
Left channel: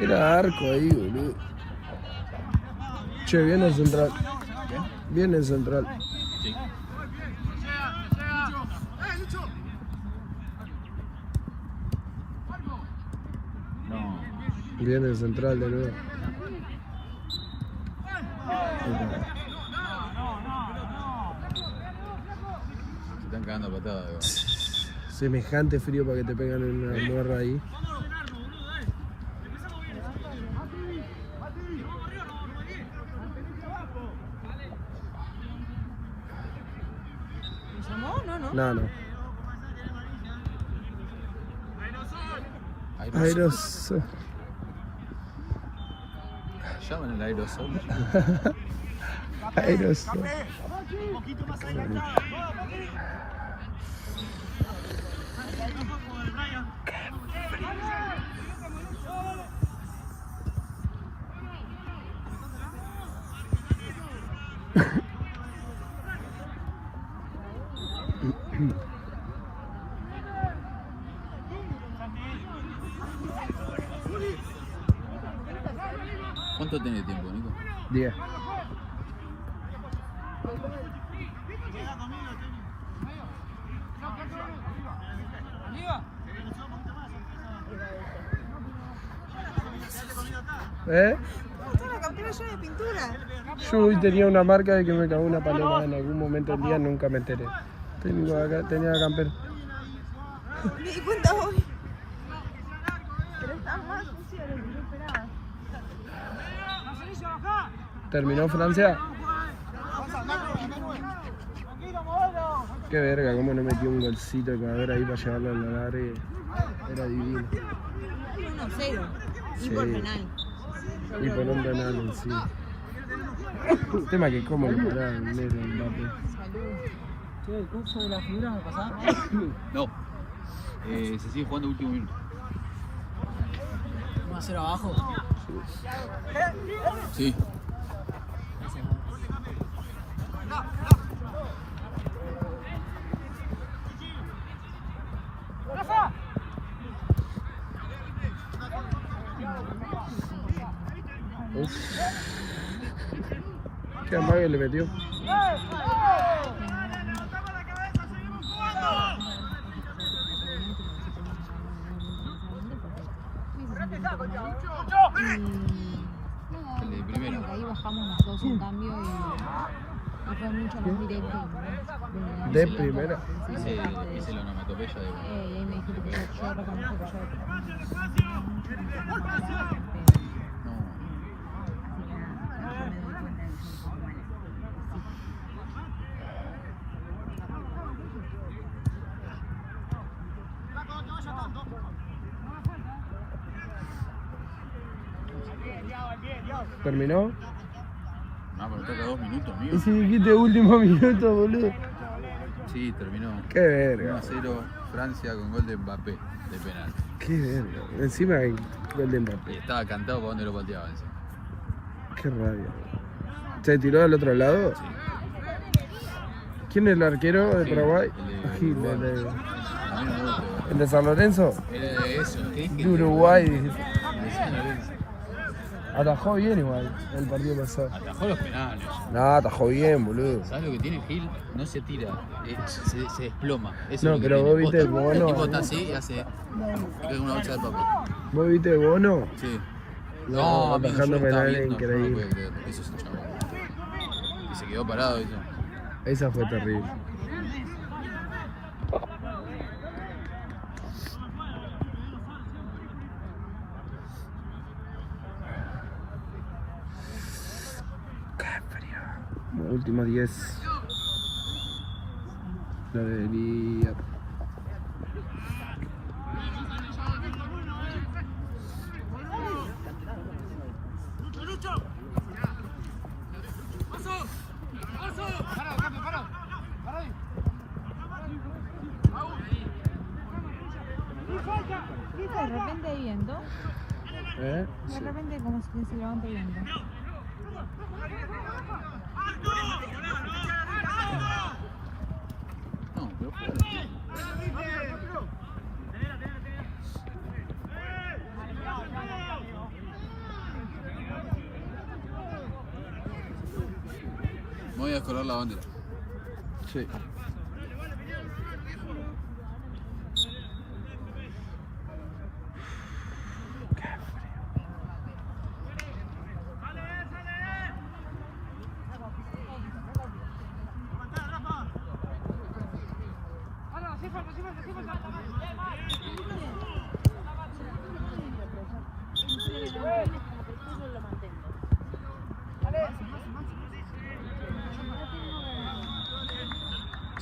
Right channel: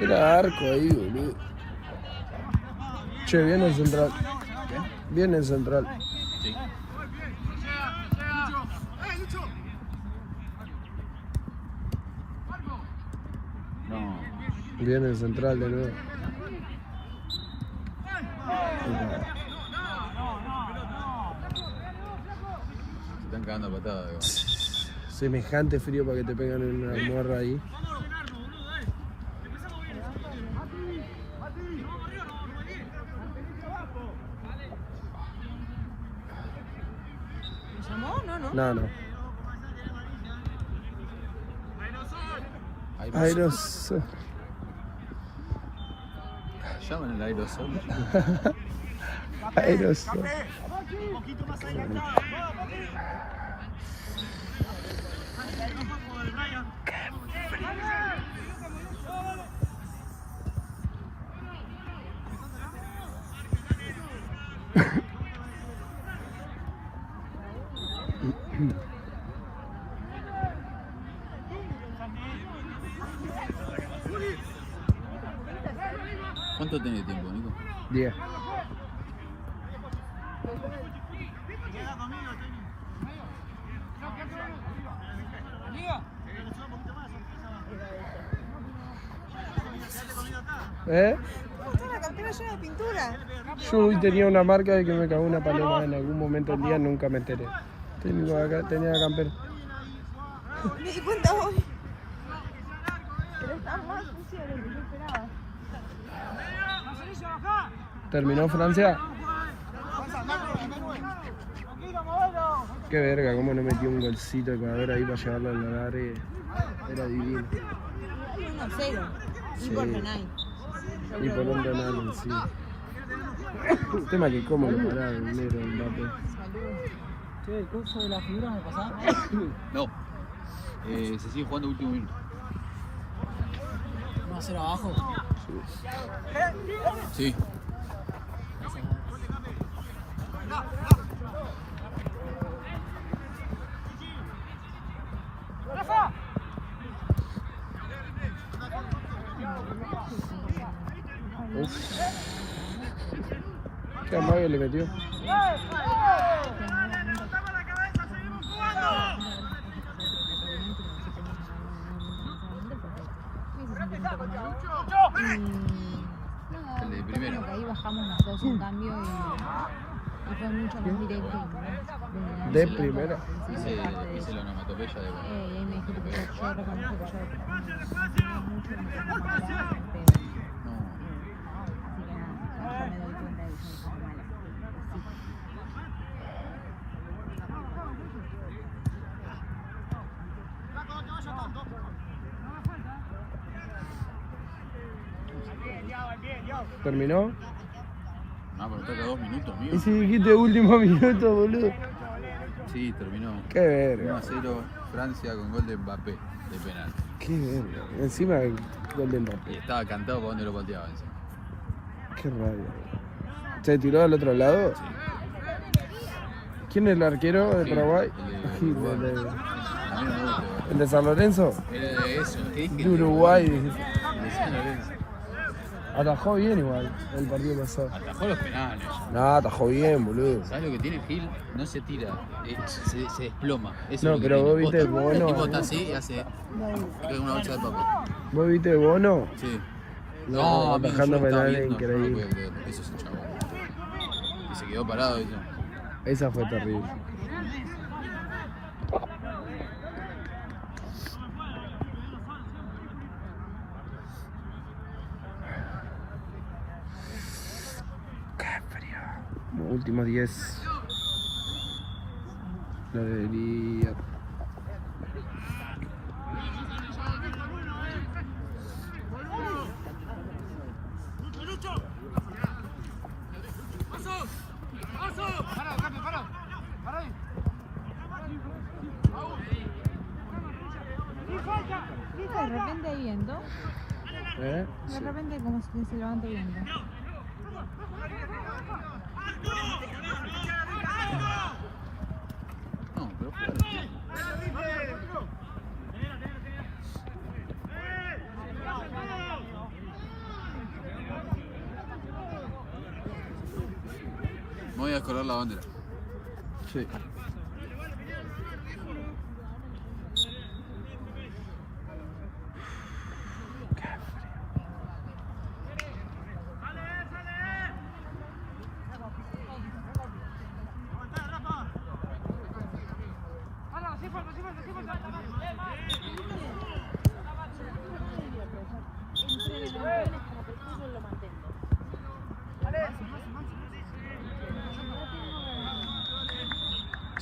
era arco ahí, boludo. Che, viene el central. Viene el central. Sí. Vamos. Viene el central de nuevo. Ahí está. Se están cagando a patadas. Semejante frío para que te pegan una morra ahí. No, no. Aerosol. Llaman el aerosol. Aerosol. ¿Cuánto tenés de tiempo, Nico? 10. ¿Eh? Está la campera llena de pintura. Yo hoy tenía una marca de que me cagó una paloma en algún momento del día, nunca me enteré. Tenía la campera. Me di cuenta hoy. Pero está más sucia de lo que yo esperaba. ¿Terminó Francia? Qué verga, cómo no metió un golcito de Ecuador ahí para llevarlo al alargue. Era divino. 1-0. Y Sí. por penal. Y por un penal, sí. El tema que cómo le paraba el negro al Mbappé. Salud. Che, el curso de la figura me pasaba. No. Se sigue jugando último minuto. 1-0 abajo. Sí. Uf. Qué amague le metió. El de primero. Ahí bajamos nosotros un cambio y fue mucho más directo. ¿No? De primera. Hice la onomatopeya de... Y me dijo que yo reconozco que ¿Terminó? No, pero toca 2 minutos, amigo. Y si dijiste último minuto, boludo. Sí, terminó. Qué verga. 1-0 Francia con gol de Mbappé de penal. Qué verga. Encima el gol de Y Mbappé. estaba cantado para donde lo pateaba eso. Qué rabia. ¿Se tiró al otro lado? Sí. ¿Quién es el arquero de Sí, Paraguay? el de Gil, el de, A mí no me gusta. el de San Lorenzo. Era de eso, ¿qué De dije? Uruguay. dijiste. Atajó bien igual el partido pasado. Atajó los penales. No, atajó bien, boludo. ¿Sabes lo que tiene Gil? No se tira, se desploma. Eso No, es lo que pero tiene. vos viste el Posta. Bono. El tipo está así y hace. Y cae una bolsa de papel. ¿Vos viste Bono? Sí. No, amigo, atajando yo lo estaba penales viendo, increíble. que eso es un chabón. Y se quedó parado y todo. Esa fue terrible. Qué frío. Como últimos 10. No debería. De repente hay viento. ¿Eh? De Sí. repente como si se levante viento. No, pero me voy a colgar la bandera. Sí.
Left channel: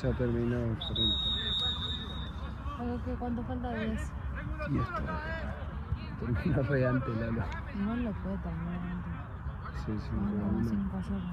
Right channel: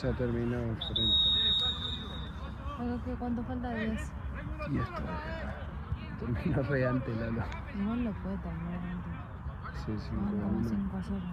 Ya terminó el frente. ¿Cuánto falta? 10. Y esto. Terminó re antes, Lalo. No lo puede terminar antes. Sí, sí, No, pero no, es no. imposible.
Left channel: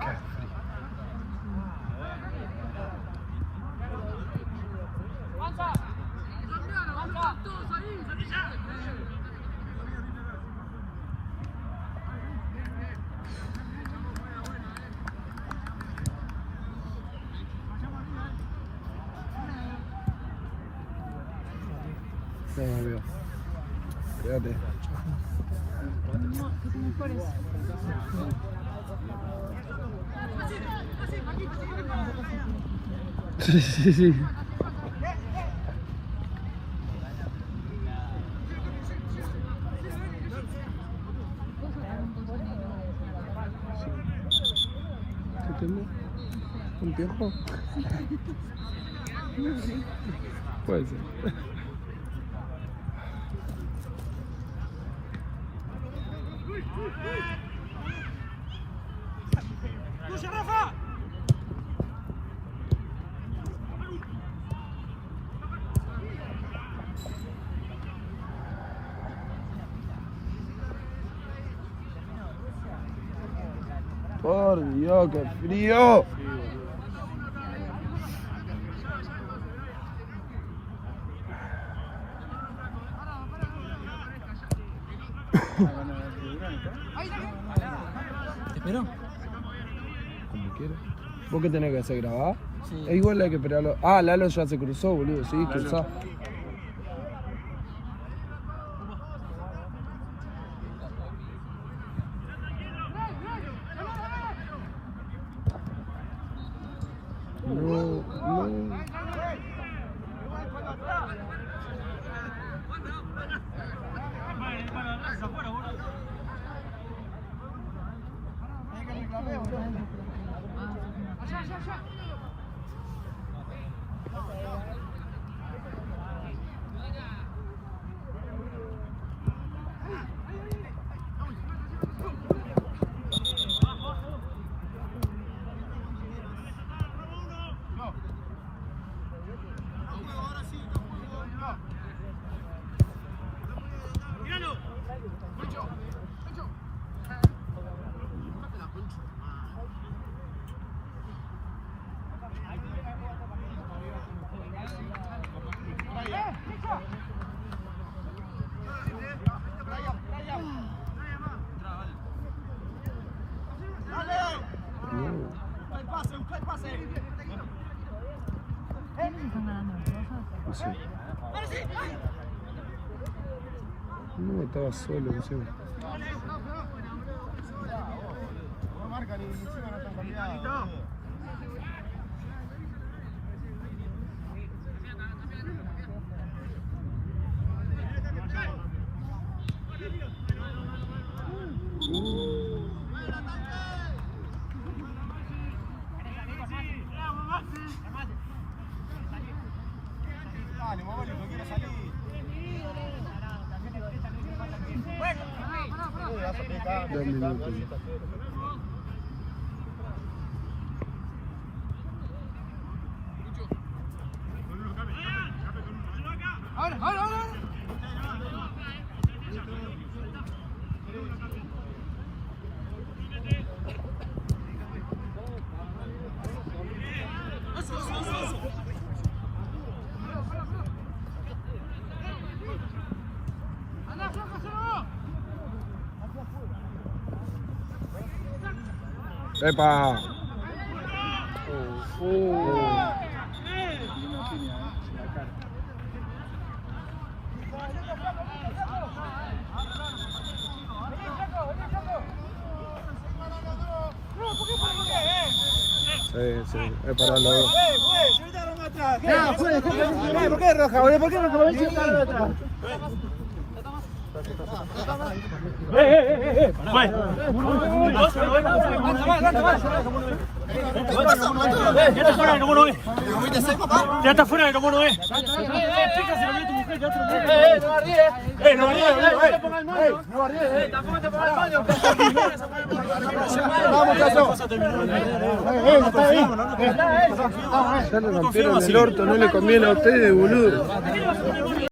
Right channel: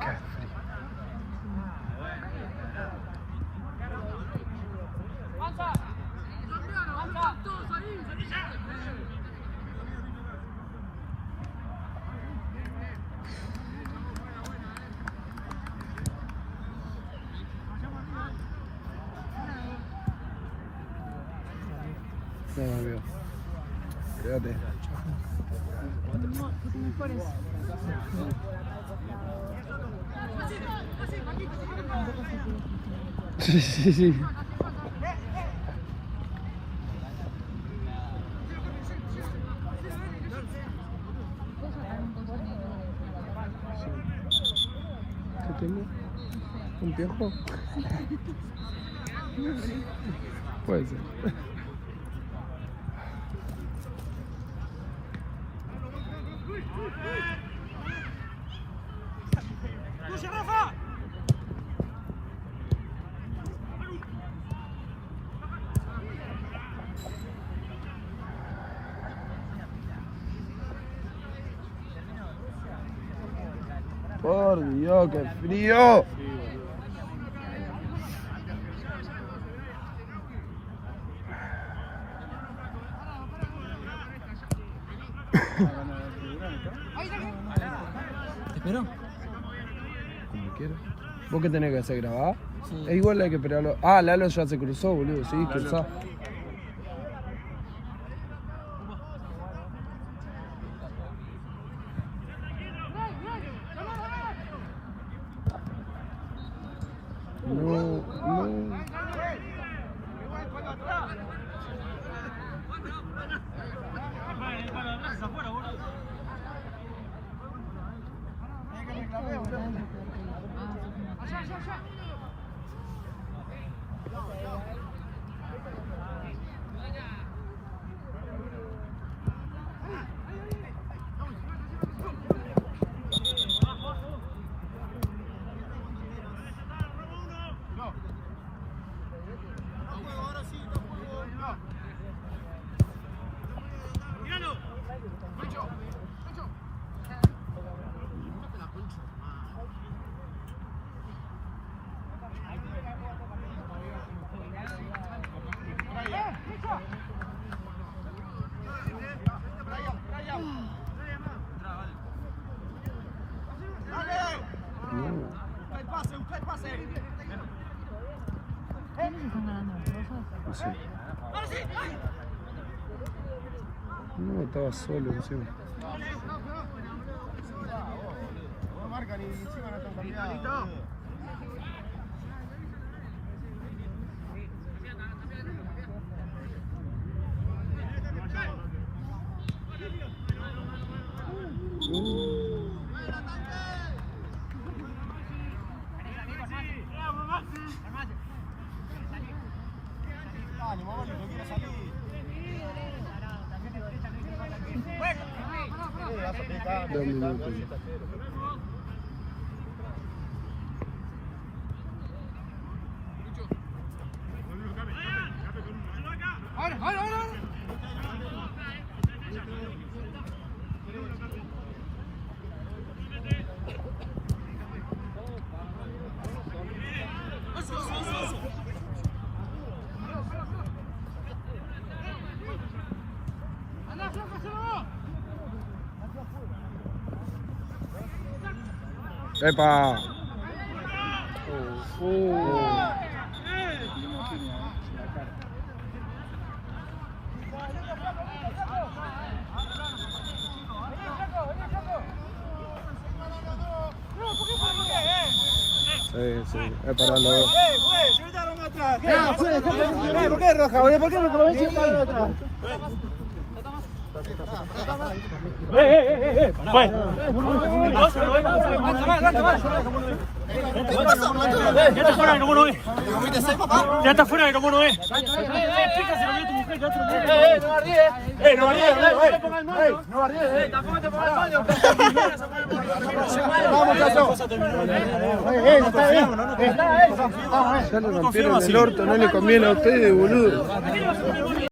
Qué frío. No, amigo. Espérate. No, que te mejores. Sí, sí, sí. ¿Puedo sacar un coso negro de ¿Qué tengo? ¿Un piojo? Puede ser. Por Dios, qué frío. ¿Te espero? Como quieras. ¿Vos qué tenés que hacer? ¿Grabar? Sí. Es igual hay que esperarlo. Ah, Lalo ya se cruzó, boludo. Sí, quizás. No, no. No. ¿Quiénes están ganando las cosas? No sé. No, estaba solo, no sé. Dos minutos. Epa. Sí, es para los dos. ¿Por qué roja, boludo? ¿Por qué roja? ¿Por qué está atrás? Ya está fuera de como uno es. Ya le rompieron el orto, no le conviene a ustedes, boludo.